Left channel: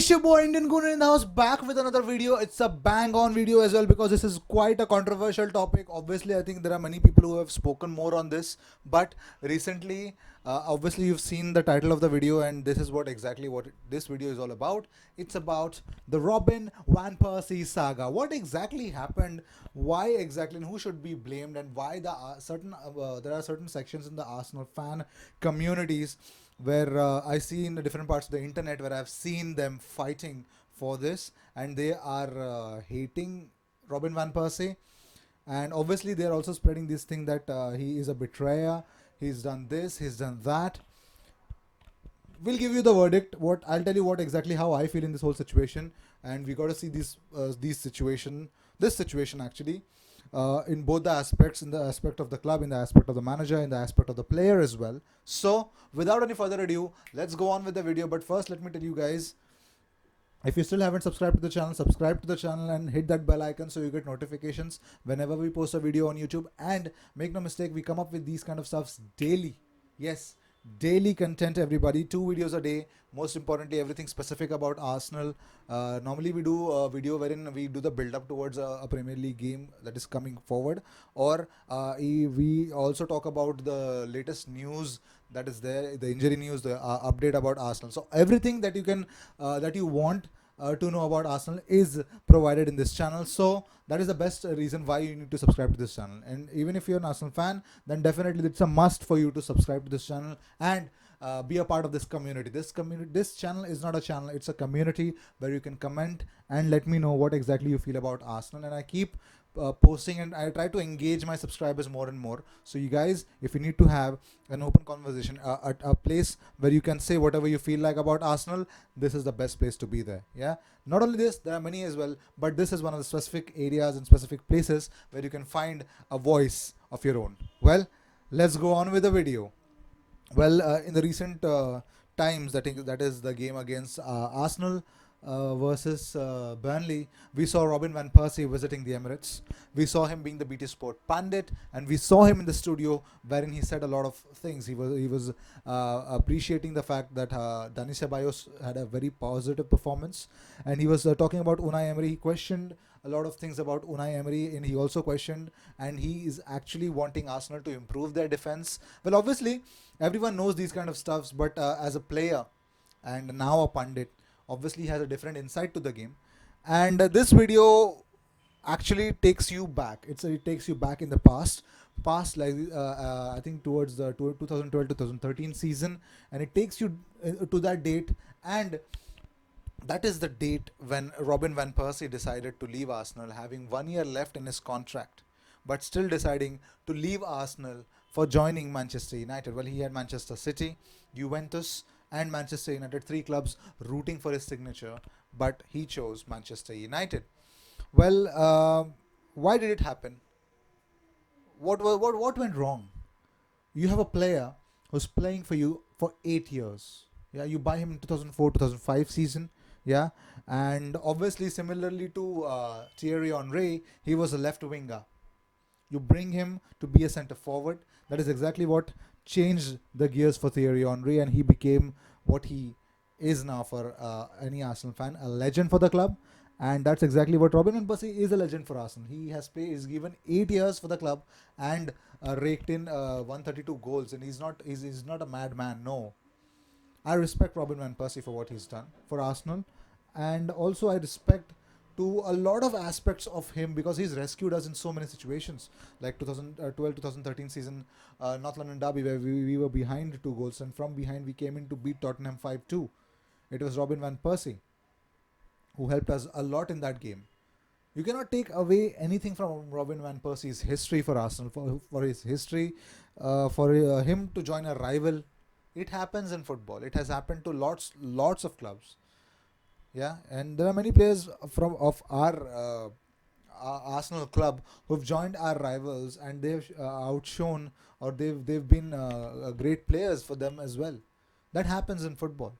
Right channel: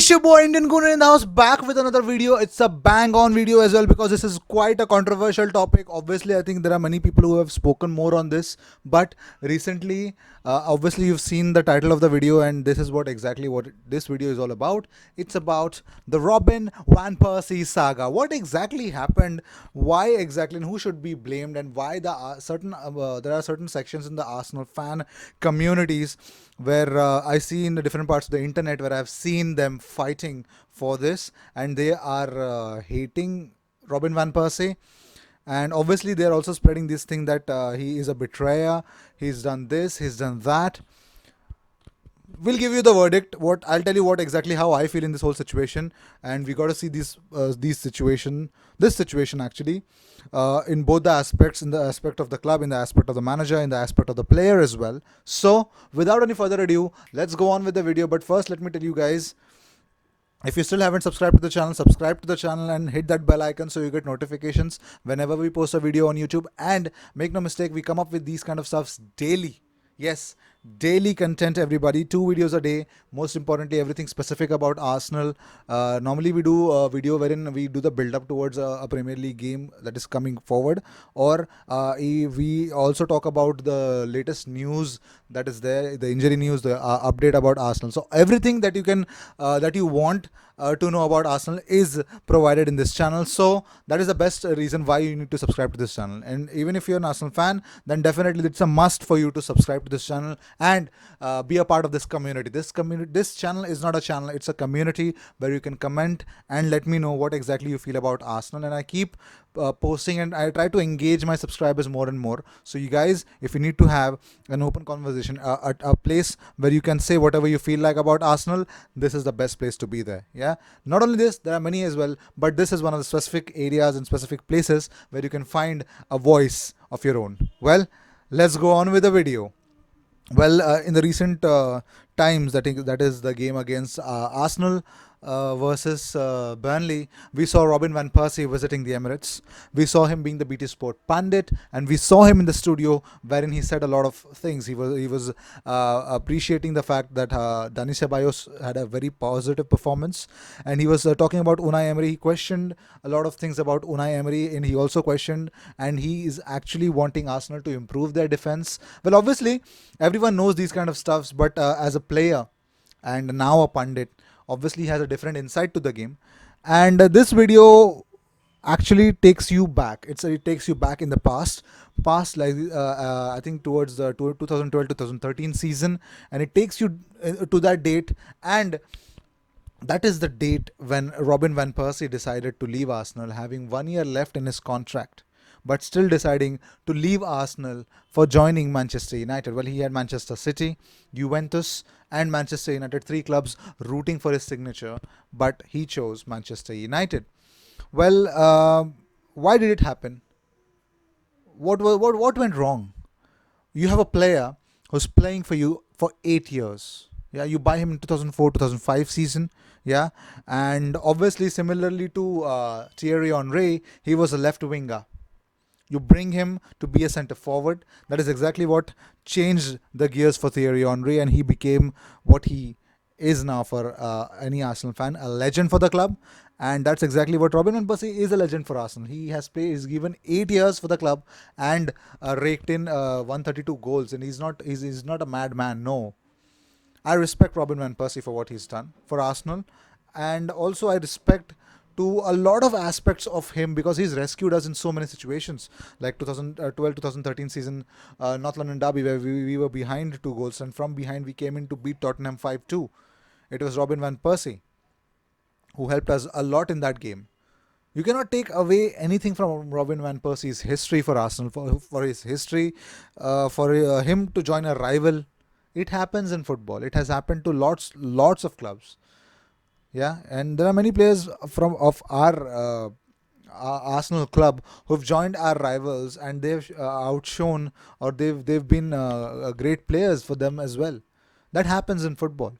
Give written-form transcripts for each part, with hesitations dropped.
It's your boy Indian Gooner in the house, back with another video. It's a bang on video as well because this is quite a controversial topic. Obviously, I think there are many people who have spoken more on this, but recently, obviously, you've seen the title of the video, and this is what this video is all about. It's about the Robin Van Persie saga. What exactly happened? Why exactly, and who should be blamed, and why there are certain sections in the Arsenal fan communities where I see in the different parts of the internet where I've seen them fighting for this, and they are hating Robin Van Persie, and obviously they're also spreading this thing that he is a betrayer, he's done this, he's done that. We'll give you the verdict. What I'll tell you what exactly how I feel in this whole situation, and we got to see this situation actually, in both the aspects, in the aspect of the club, in the aspect of the manager, in the aspect of the player as well. So, without any further ado, let's go on with the video. But first, let me tell you guys, if you still haven't subscribed to the channel, subscribe to the channel and hit that bell icon so you get notifications whenever we post a video on YouTube. And make no mistake, we come up with these kind of stuffs daily. Yes, daily content, everybody. 2 videos a day. Most importantly, everything specific about Arsenal. Normally, we do a video wherein we do the build up towards a Premier League game that is coming forward, or we also talk about the latest news that is there, the injury news, the update about Arsenal. So everything that you want to know about Arsenal is provided in this channel. So that is the best reason why you need to subscribe to this channel. And even if you're an Arsenal fan, then definitely it's a must for you to subscribe to this channel and be a part of this community. This channel is not a channel; it's a community where you can comment and let me know what exactly you feel about Arsenal. And I keep posting, and I try to engage my subscribers more and more. So you guys, if you need to have an open conversation, a place where you can say whatever you feel like about Arsenal, this is the best place to be there. Yeah. Not only this, there are many as well, but this is one of the specific areas and specific places where you can find a voice of your own. Well, let's go on with the video. Well, in the recent times, that is the game against Arsenal versus Burnley, we saw Robin Van Persie visiting the Emirates. We saw him being the BT Sport pundit, and we saw him in the studio wherein he said a lot of things. He was appreciating the fact that Dani Ceballos had a very positive performance, and he was talking about Unai Emery. He questioned a lot of things about Unai Emery, and he also questioned, and he is actually wanting Arsenal to improve their defense. Well, obviously, everyone knows these kind of stuffs, but as a player and now a pundit, obviously has a different insight to the game. And this video actually takes you back. It takes you back in the past, like I think towards the 2012-2013 season, and it takes you to that date. And that is the date when Robin Van Persie decided to leave Arsenal, having 1 year left in his contract, but still deciding to leave Arsenal for joining Manchester United. Well, he had Manchester City, Juventus, and Manchester United, three clubs rooting for his signature, but he chose Manchester United. Well, why did it happen? What went wrong? You have a player who's playing for you for 8 years. Yeah, you buy him in 2004 2005 season. Yeah, and obviously, similarly to Thierry Henry, he was a left winger. You bring him to be a centre forward. That is exactly what changed the gears for Thierry Henry, and he became what he is now for any Arsenal fan, a legend for the club. And that's exactly what Robin Van Persie is, a legend for Arsenal. He has played, he's given 8 years for the club and raked in 132 goals. And he's not a madman. No, I respect Robin Van Persie for what he's done for Arsenal, and also I respect to a lot of aspects of him because he's rescued us in so many situations, like 2012-2013 season, North London derby, where we were behind 2 goals, and from behind we came in to beat Tottenham 5-2. It was Robin Van Persie who helped us a lot in that game. You cannot take away anything from Robin Van Persie's history for Arsenal, for his history, for him to join a rival. It happens in football. It has happened to lots of clubs. Yeah, and there are many players from of our Arsenal club who've joined our rivals, and they've outshone, or they've been great players for them as well. That happens in football.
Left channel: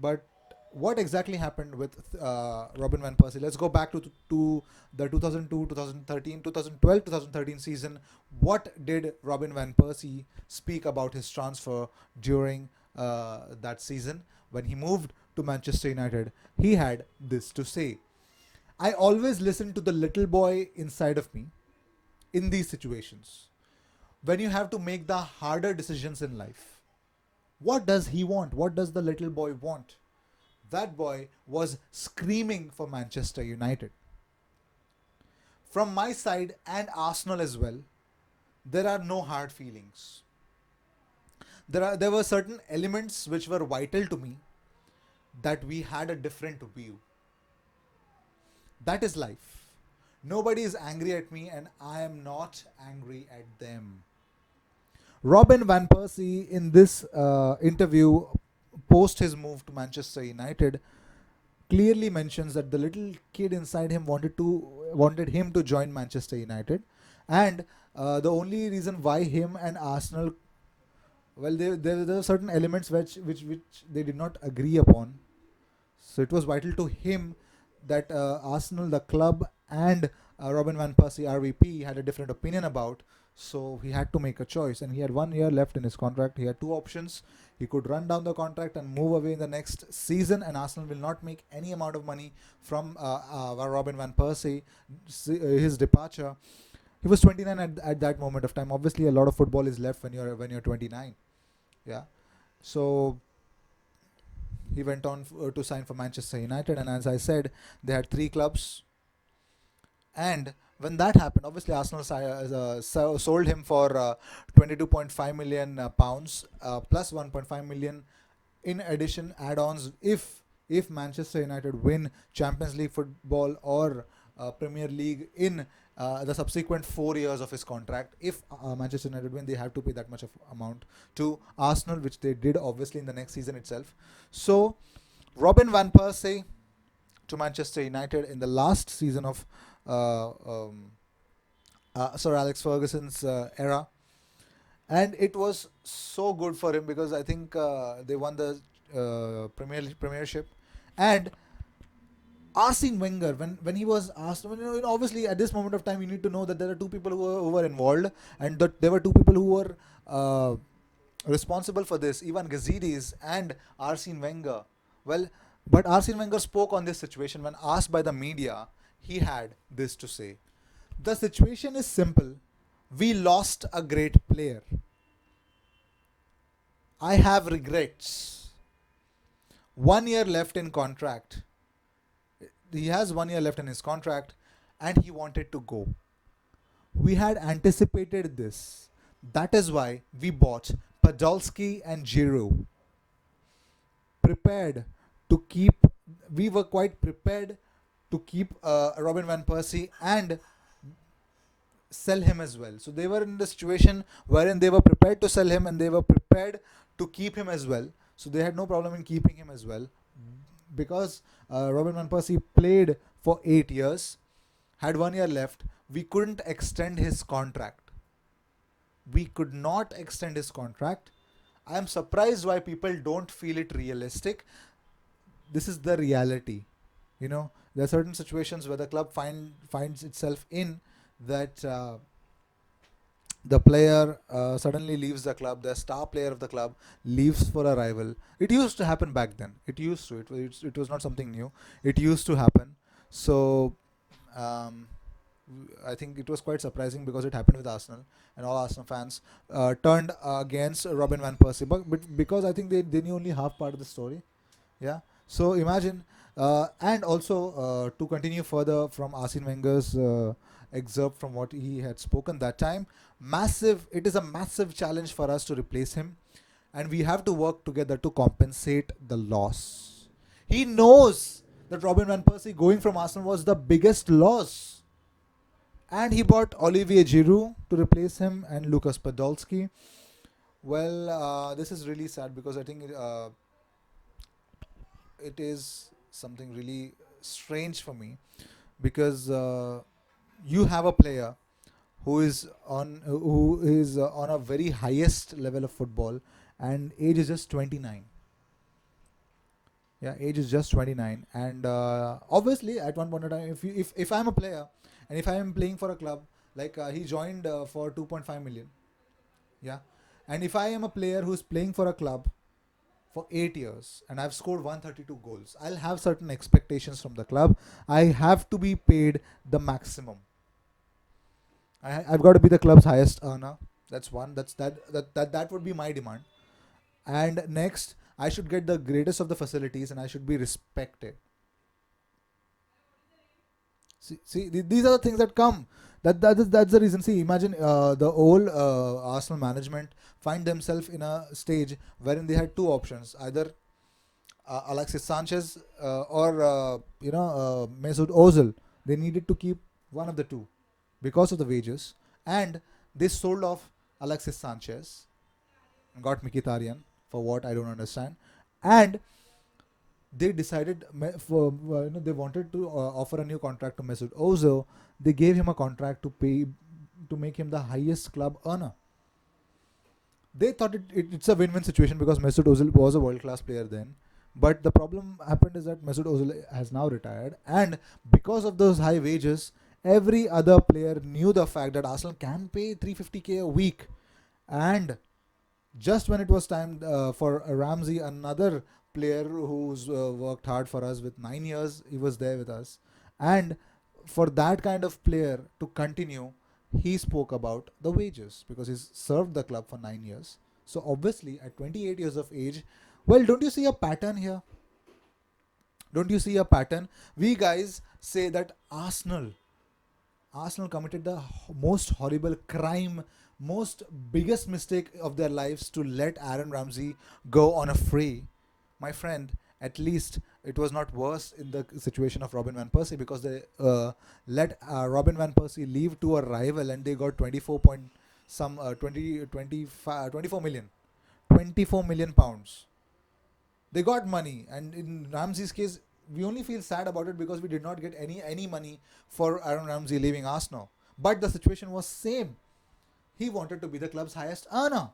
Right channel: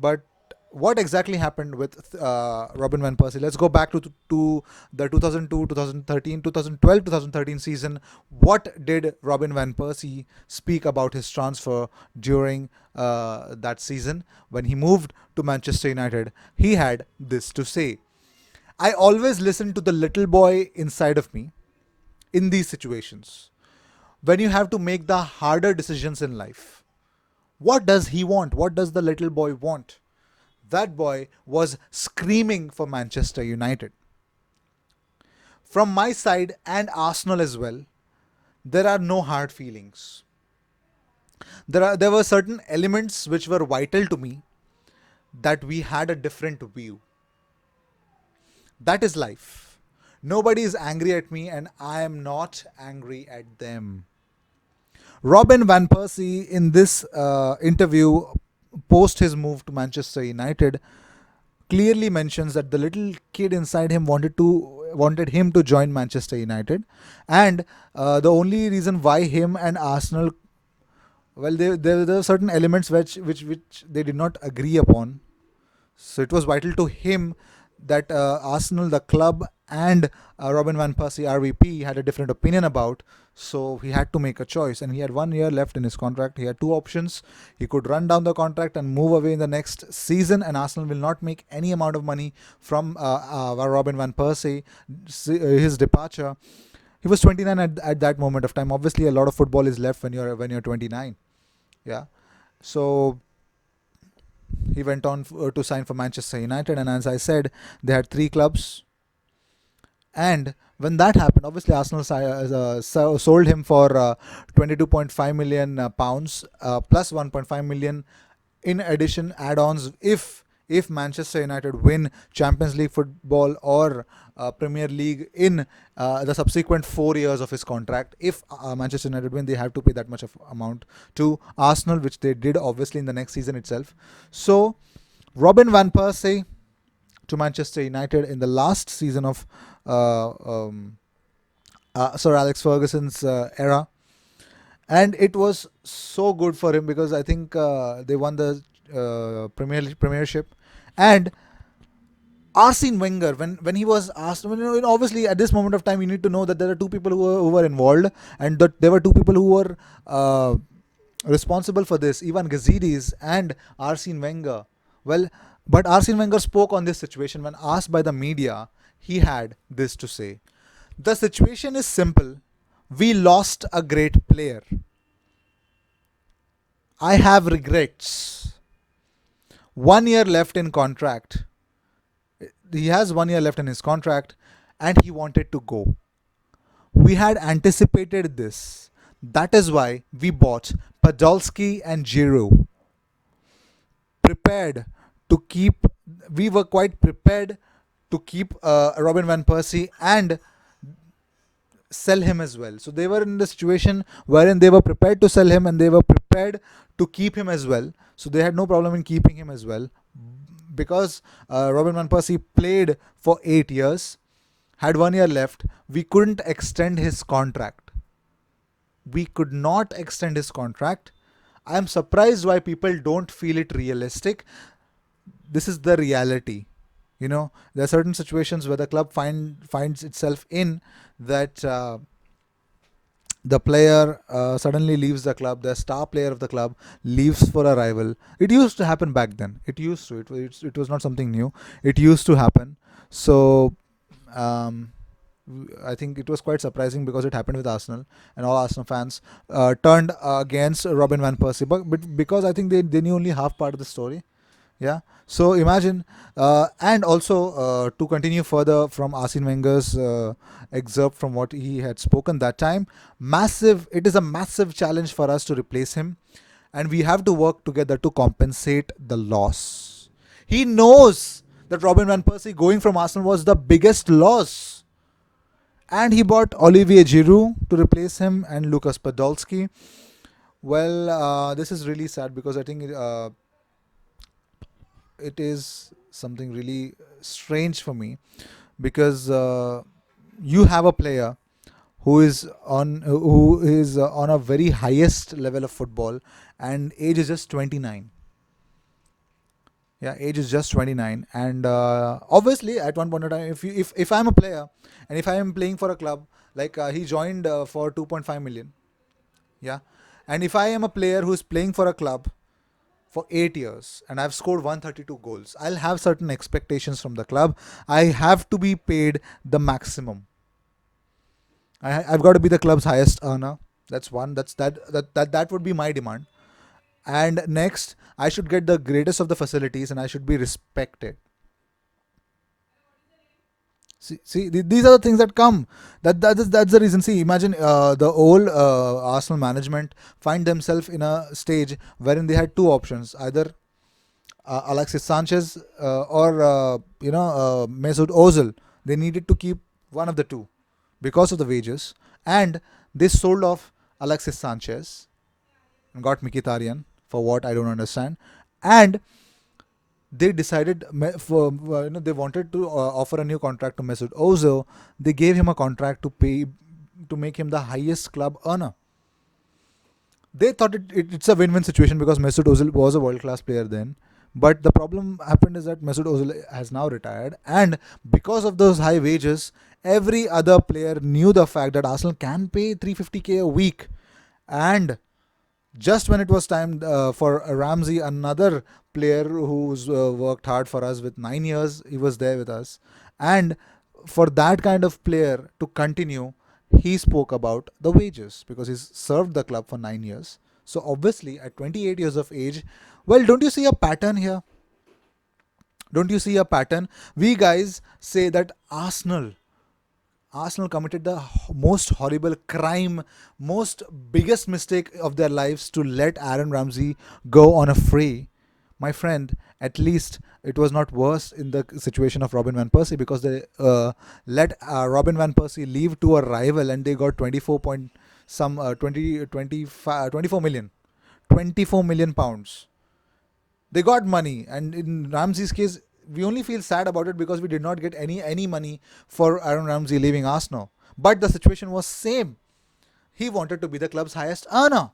But what exactly happened with Robin Van Persie? Let's go back to the 2002, 2013, 2012, 2013 season. What did Robin Van Persie speak about his transfer during that season when he moved to Manchester United. He had this to say: I always listen to the little boy inside of me in these situations. When you have to make the harder decisions in life, what does he want? What does the little boy want? That boy was screaming for Manchester United. From my side and Arsenal as well, there are no hard feelings. There were certain elements which were vital to me that we had a different view. That is life. Nobody is angry at me and I am not angry at them. Robin Van Persie in this interview post his move to Manchester United clearly mentions that the little kid inside him wanted him to join Manchester United, and the only reason why him and Arsenal, well, there were certain elements which they did not agree upon. So it was vital to him that Arsenal, the club, and Robin Van Persie, RVP, had a different opinion about. So he had to make a choice, and he had 1 year left in his contract. He had two options: he could run down the contract and move away in the next season, and Arsenal will not make any amount of money from Robin Van Persie, his departure. He was 29 at that moment of time. Obviously, a lot of football is left when you're 29. Yeah, so he went on to sign for Manchester United, and as I said, they had three clubs. And when that happened, obviously Arsenal sold him for 22.5 million pounds plus 1.5 million in addition add-ons if Manchester United win Champions League football or Premier League in the subsequent 4 years of his contract. If Manchester United win, they have to pay that much of amount to Arsenal, which they did obviously in the next season itself. So Robin Van Persie to Manchester United in the last season of Sir Alex Ferguson's era, and it was so good for him because I think they won the Premiership, and Arsene Wenger, when he was asked, obviously at this moment of time, you need to know that there are two people who were involved, and that there were two people who were responsible for this: Ivan Gazidis and Arsene Wenger. Well, but Arsene Wenger spoke on this situation when asked by the media. He had this to say: the situation is simple. We lost a great player. I have regrets. 1 year left in contract. He has 1 year left in his contract, and he wanted to go. We had anticipated this. That is why we bought Podolski and Giroud. Prepared to keep, we were quite prepared to keep Robin Van Persie and sell him as well. So they were in the situation wherein they were prepared to sell him and they were prepared to keep him as well. So they had no problem in keeping him as well. Because Robin Van Persie played for 8 years, had 1 year left, we couldn't extend his contract. We could not extend his contract. I am surprised why people don't feel it realistic. This is the reality. There are certain situations where the club finds itself in that the player suddenly leaves the club, the star player of the club leaves for a rival. It used to happen back then. It was not something new. It used to happen. So um, I think it was quite surprising because it happened with Arsenal, and all Arsenal fans turned against Robin Van Persie. But because I think they knew only half part of the story. Yeah. So imagine, and also to continue further from Arsene Wenger's excerpt from what he had spoken that time, massive. It is a massive challenge for us to replace him, and we have to work together to compensate the loss. He knows that Robin Van Persie going from Arsenal was the biggest loss, and he bought Olivier Giroud to replace him and Lucas Podolski. Well, this is really sad because I think it is something really strange for me because you have a player who is on a very highest level of football, and age is just 29. Yeah, age is just 29, and obviously at one point in time, if I'm a player and if I am playing for a club, like he joined for 2.5 million. Yeah, and if I am a player who is playing for a club, for 8 years and I've scored 132 goals. I'll have certain expectations from the club. I have to be paid the maximum. I've got to be the club's highest earner. That's one. That would be my demand. And next, I should get the greatest of the facilities and I should be respected. These are the things that come. That's the reason. See, imagine the old Arsenal management find themselves in a stage wherein they had two options: either Alexis Sanchez or Mesut Ozil. They needed to keep one of the two because of the wages, and they sold off Alexis Sanchez and got Mkhitaryan for what I don't understand, and they decided they wanted to offer a new contract to Mesut Ozil. They gave him a contract to make him the highest club earner. They thought it's a win-win situation because Mesut Ozil was a world-class player then. But the problem happened is that Mesut Ozil has now retired, and because of those high wages, every other player knew the fact that Arsenal can pay 350k a week, and just when it was time for Ramsey, another player who's worked hard for us with 9 years, he was there with us. And for that kind of player to continue, he spoke about the wages because he's served the club for 9 years. So obviously, at 28 years of age, well, don't you see a pattern here? Don't you see a pattern? We guys say that Arsenal committed the most horrible crime, most biggest mistake of their lives to let Aaron Ramsey go on a free. My friend, at least it was not worse in the situation of Robin Van Persie because they let Robin Van Persie leave to a rival and they got 24 point some 20 25 24 million 24 million pounds. They got money, and in Ramsey's case, we only feel sad about it because we did not get any money for Aaron Ramsey leaving Arsenal. But the situation was same. He wanted to be the club's highest earner.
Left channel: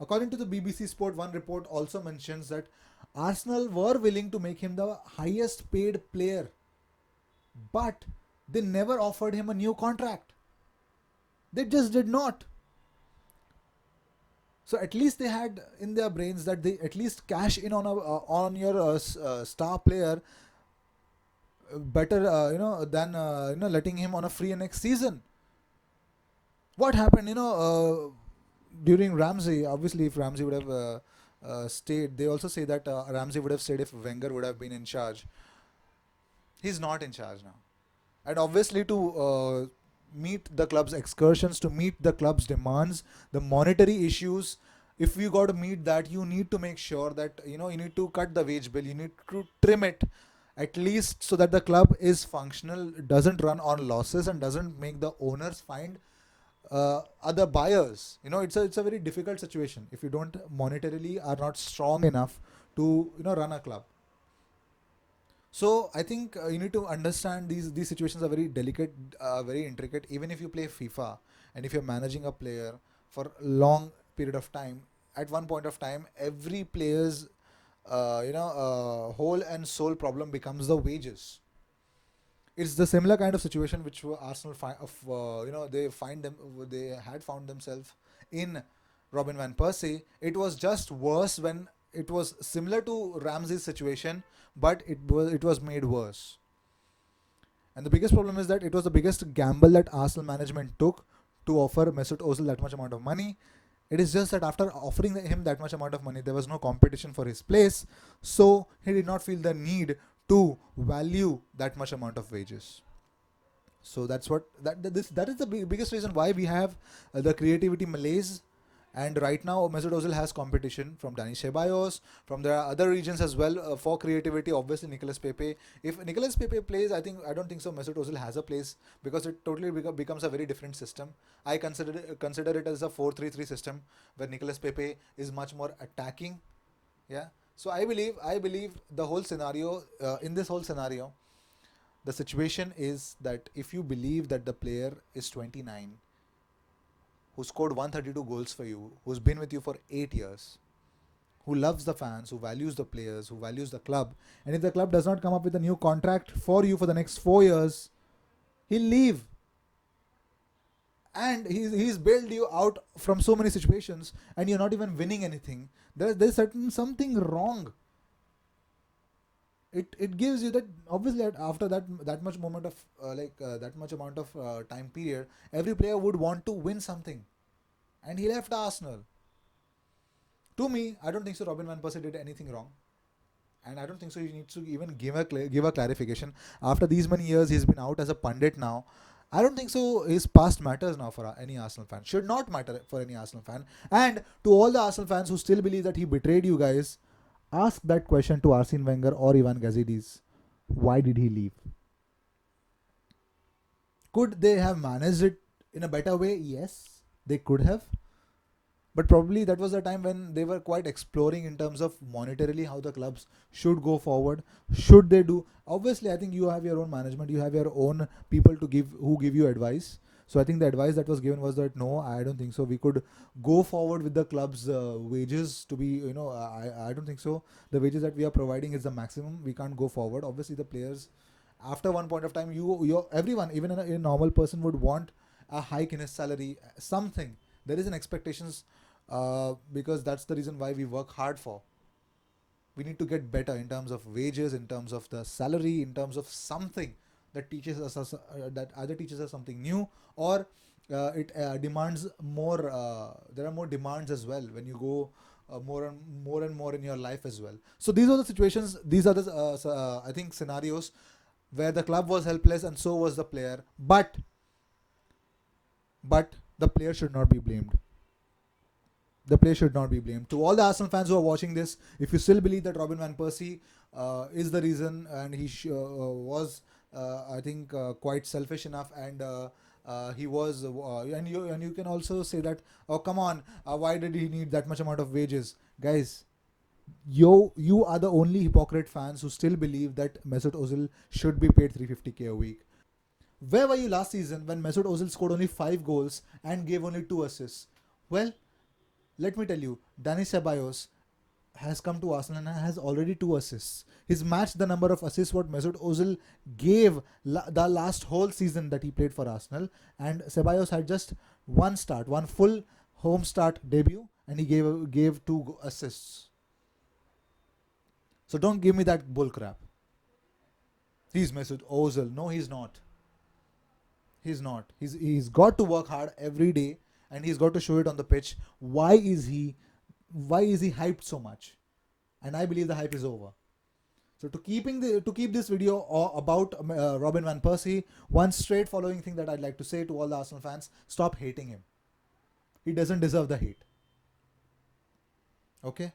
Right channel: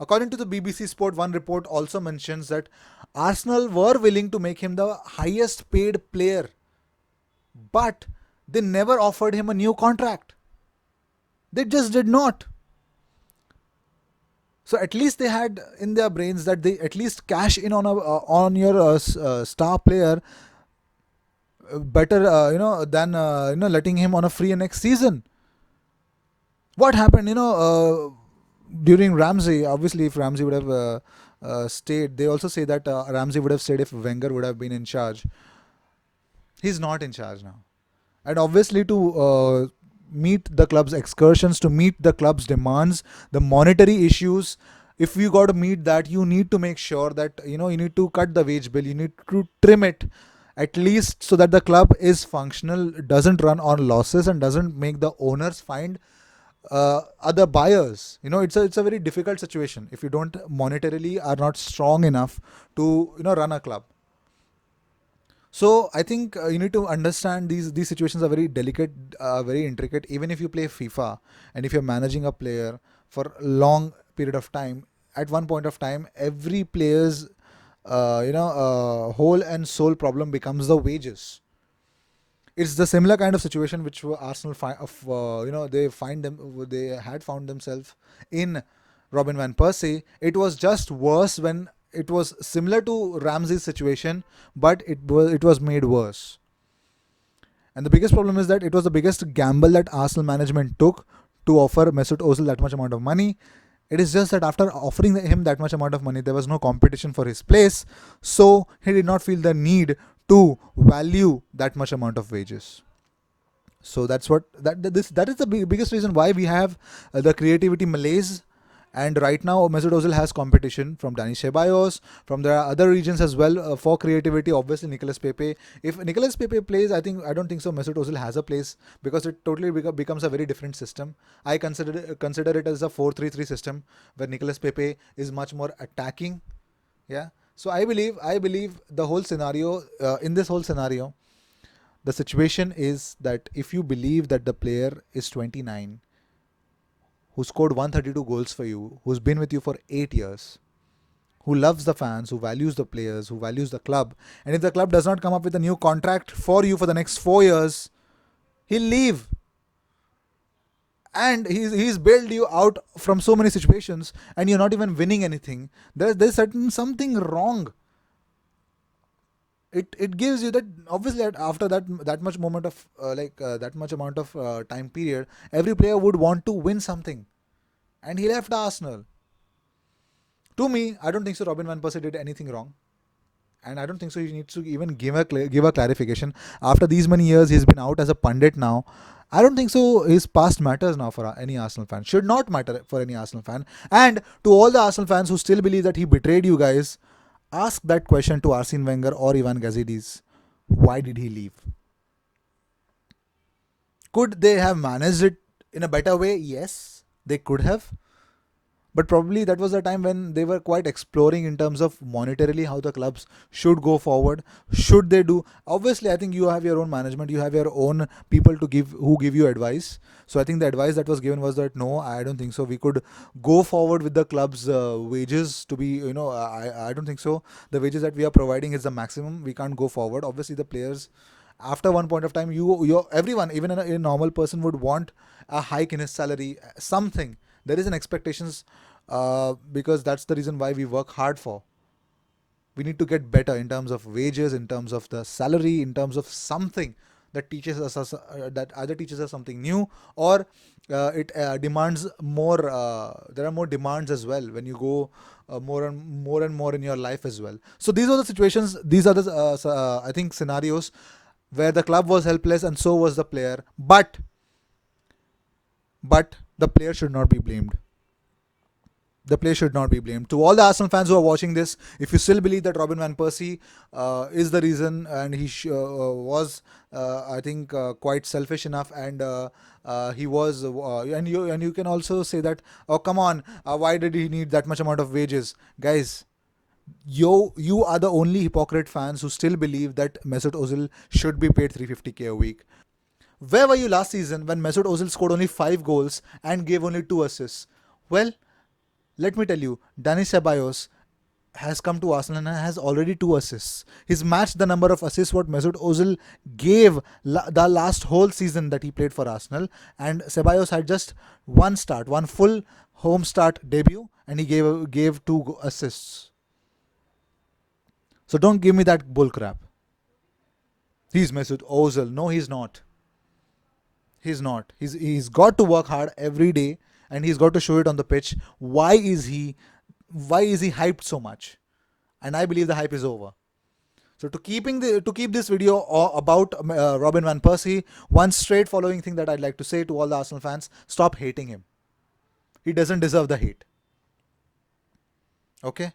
According to the BBC Sport, one report also mentions that Arsenal were willing to make him the highest paid player, but they never offered him a new contract. They just did not. So at least they had in their brains that they at least cash in on your star player better than letting him on a free next season. What happened during Ramsey? Obviously, if Ramsey would have stayed, they also say that Ramsey would have stayed if Wenger would have been in charge. He's not in charge now, and obviously to meet the club's excursions, to meet the club's demands, the monetary issues. If you got to meet that, you need to make sure that you need to cut the wage bill. You need to trim it at least so that the club is functional, doesn't run on losses, and doesn't make the owners find other buyers. It's a very difficult situation if you don't monetarily are not strong enough to run a club. So I think you need to understand these situations are very delicate, very intricate. Even if you play FIFA and if you're managing a player for a long period of time, at one point of time, every player's whole and soul problem becomes the wages. It's the similar kind of situation which Arsenal they had found themselves in Robin van Persie. It was just worse when it was similar to Ramsey's situation, but it was made worse. And the biggest problem is that it was the biggest gamble that Arsenal management took to offer Mesut Ozil that much amount of money. It is just that after offering him that much amount of money, there was no competition for his place, so he did not feel the need to value that much amount of wages. So that is the biggest reason why we have the creativity malaise. And right now, Mesut Ozil has competition from Dani Ceballos, from the other regions as well for creativity. Obviously, Nicolas Pepe. If Nicolas Pepe plays, I don't think so. Mesut Ozil has a place because it totally becomes a very different system. I consider it as a 4-3-3 system where Nicolas Pepe is much more attacking. Yeah. So I believe the whole scenario in this whole scenario, the situation is that if you believe that the player is 29 who scored 132 goals for you, who's been with you for 8 years, who loves the fans, who values the players, who values the club, and if the club does not come up with a new contract for you for the next 4 years, he'll leave. and he's bailed you out from so many situations, and you're not even winning anything. There's certain something wrong. It gives you that, obviously, after that much moment of that much amount of time period, every player would want to win something, and he left Arsenal. To me, I don't think so. Robin van Persie did anything wrong, and I don't think so. He needs to even give a clarification. After these many years, he's been out as a pundit now. I don't think so. His past matters now for any Arsenal fan. Should not matter for any Arsenal fan. And to all the Arsenal fans who still believe that he betrayed you guys, ask that question to Arsene Wenger or Ivan Gazidis. Why did he leave? Could they have managed it in a better way? Yes, they could have. But probably that was the time when they were quite exploring in terms of monetarily how the clubs should go forward. Should they do? Obviously, I think you have your own management, you have your own people to give who give you advice. So I think the advice that was given was that no, I don't think so. We could go forward with the club's wages to be, I don't think so. The wages that we are providing is the maximum. We can't go forward. Obviously, the players, after one point of time, everyone, even a normal person, would want a hike in his salary, something. There is an expectations, because that's the reason why we work hard for. We need to get better in terms of wages, in terms of the salary, in terms of something that teaches us that either teaches us something new, or it demands more. There are more demands as well when you go more and more in your life as well. So these are the situations. These are the I think scenarios where the club was helpless and so was the player. But the player should not be blamed. The player should not be blamed. To all the Arsenal fans who are watching this, if you still believe that Robin van Persie is the reason, and was, I think, quite selfish enough, and he was, and you can also say that, oh come on, why did he need that much amount of wages, guys? You are the only hypocrite fans who still believe that Mesut Ozil should be paid 350k a week. Where were you last season when Mesut Ozil scored only 5 goals and gave only 2 assists? Well, let me tell you, Dani Ceballos has come to Arsenal and has already 2 assists. He's matched the number of assists what Mesut Ozil gave the last whole season that he played for Arsenal, and Ceballos had just one full home start debut, and he gave 2 assists. So don't give me that bull crap. He's Mesut Ozil. No, he's not. He's not. He's got to work hard every day, and he's got to show it on the pitch. Why is he hyped so much? And I believe the hype is over. So to keep this video about Robin van Persie, one straight following thing that I'd like to say to all the Arsenal fans: stop hating him. He doesn't deserve the hate. Okay.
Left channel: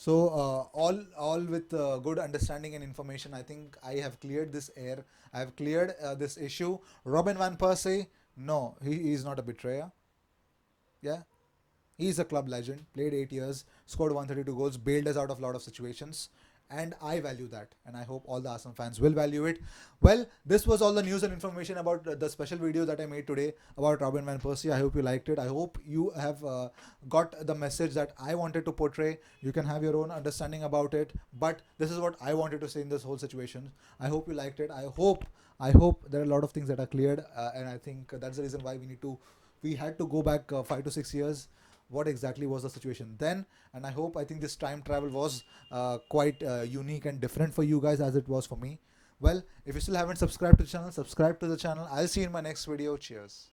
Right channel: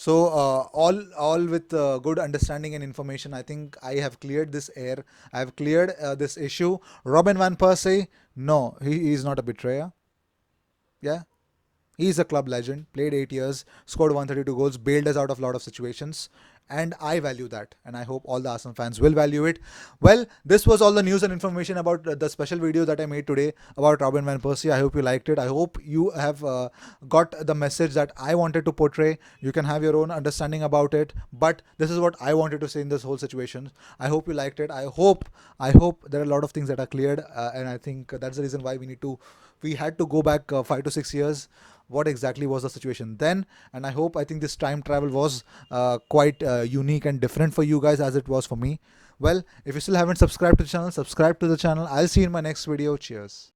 So all with good understanding and information, I think I have cleared this air. I have cleared this issue. Robin van Persie, no, he is not a betrayer. Yeah, he's a club legend. Played 8 years, scored 132 goals, bailed us out of a lot of situations, and I value that. And I hope all the Arsenal fans will value it. Well, this was all the news and information about the special video that I made today about Robin van Persie. I hope you liked it. I hope you have got the message that I wanted to portray. You can have your own understanding about it, but this is what I wanted to say in this whole situation. I hope you liked it. I hope there are a lot of things that are cleared, and I think that's the reason why we had to go back 5 to 6 years. What exactly was the situation then? And I think this time travel was quite unique and different for you guys as it was for me. Well, if you still haven't subscribed to the channel, subscribe to the channel. I'll see you in my next video. Cheers.